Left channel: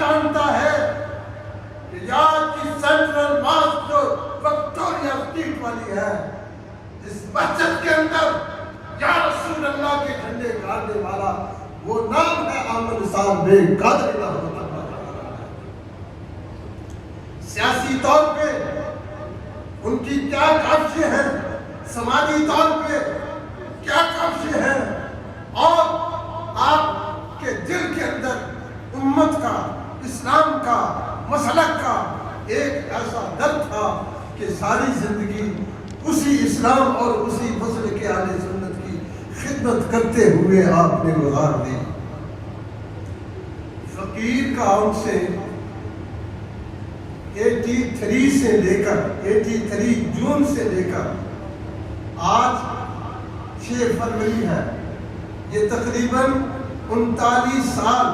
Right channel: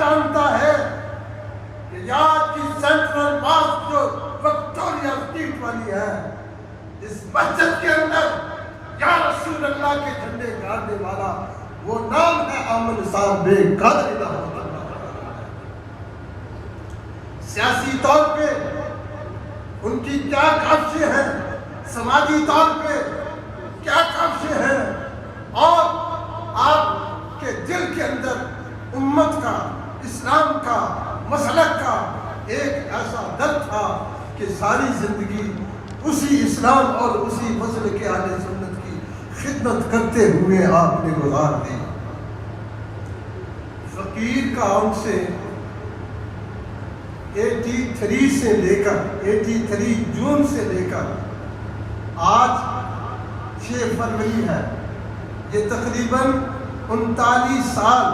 जानता है कि याद की सेंट्रल मॉस्क जो विक्टोरिया स्ट्रीट वाली है, इस मस्जिद के अंदर या रसूल अल्लाह के झंडे गाड़ने वाला वो नाम है आमिर निसार बेग कादरी रहमतुल्लाह। सियासी तौर पे उनकी क्या काविशें हैं, समाजी तौर पे क्या काविशें हैं, और आपके दिल के अंदर उम्मत का, इस्लाम का, मसलक का एक ऐसा दर्द था कि सारी जिंदगी उसी इस्लाम और उसी मसलक के आले सुन्नत की खिदमत करते हुए आपने गुजार दी। फकीर का उनसे 83 जून से लेकर आज 6 फरवरी है, ये तकरीबन 39 साल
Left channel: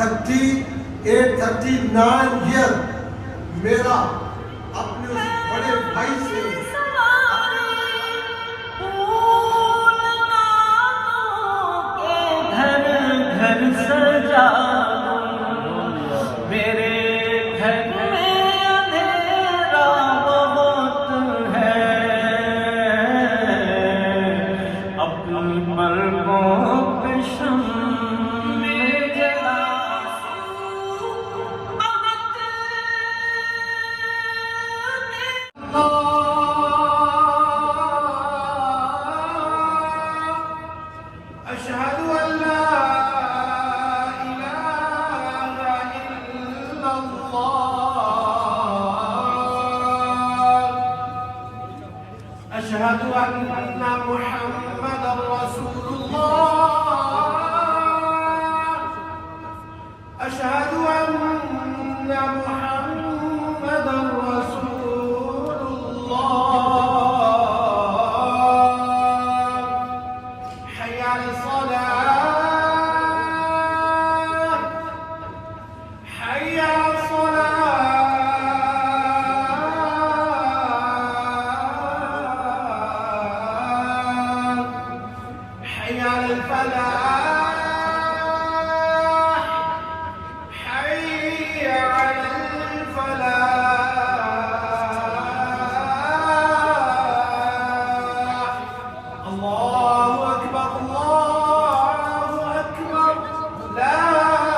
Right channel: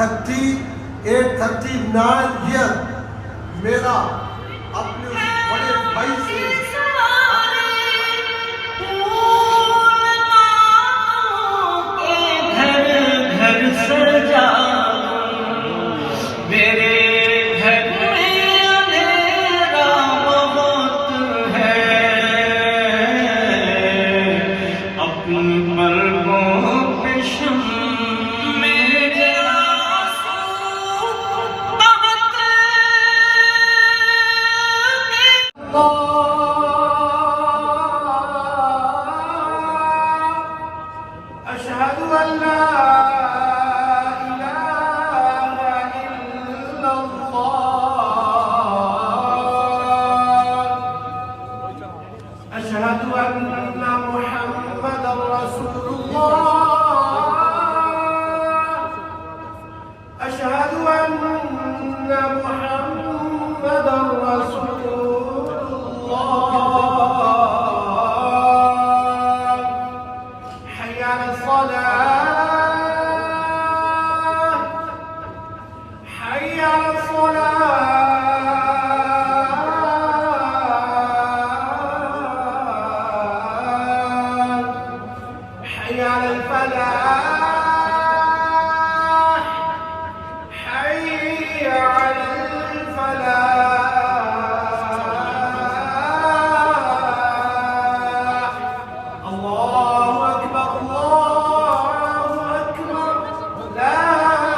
39 ईयर मेरा अपने बड़े भाई से أشهد أن محمدا رسول الله أشهد أن محمدا رسول الله حي على الصلاة حي على الصلاة حي على الفلاح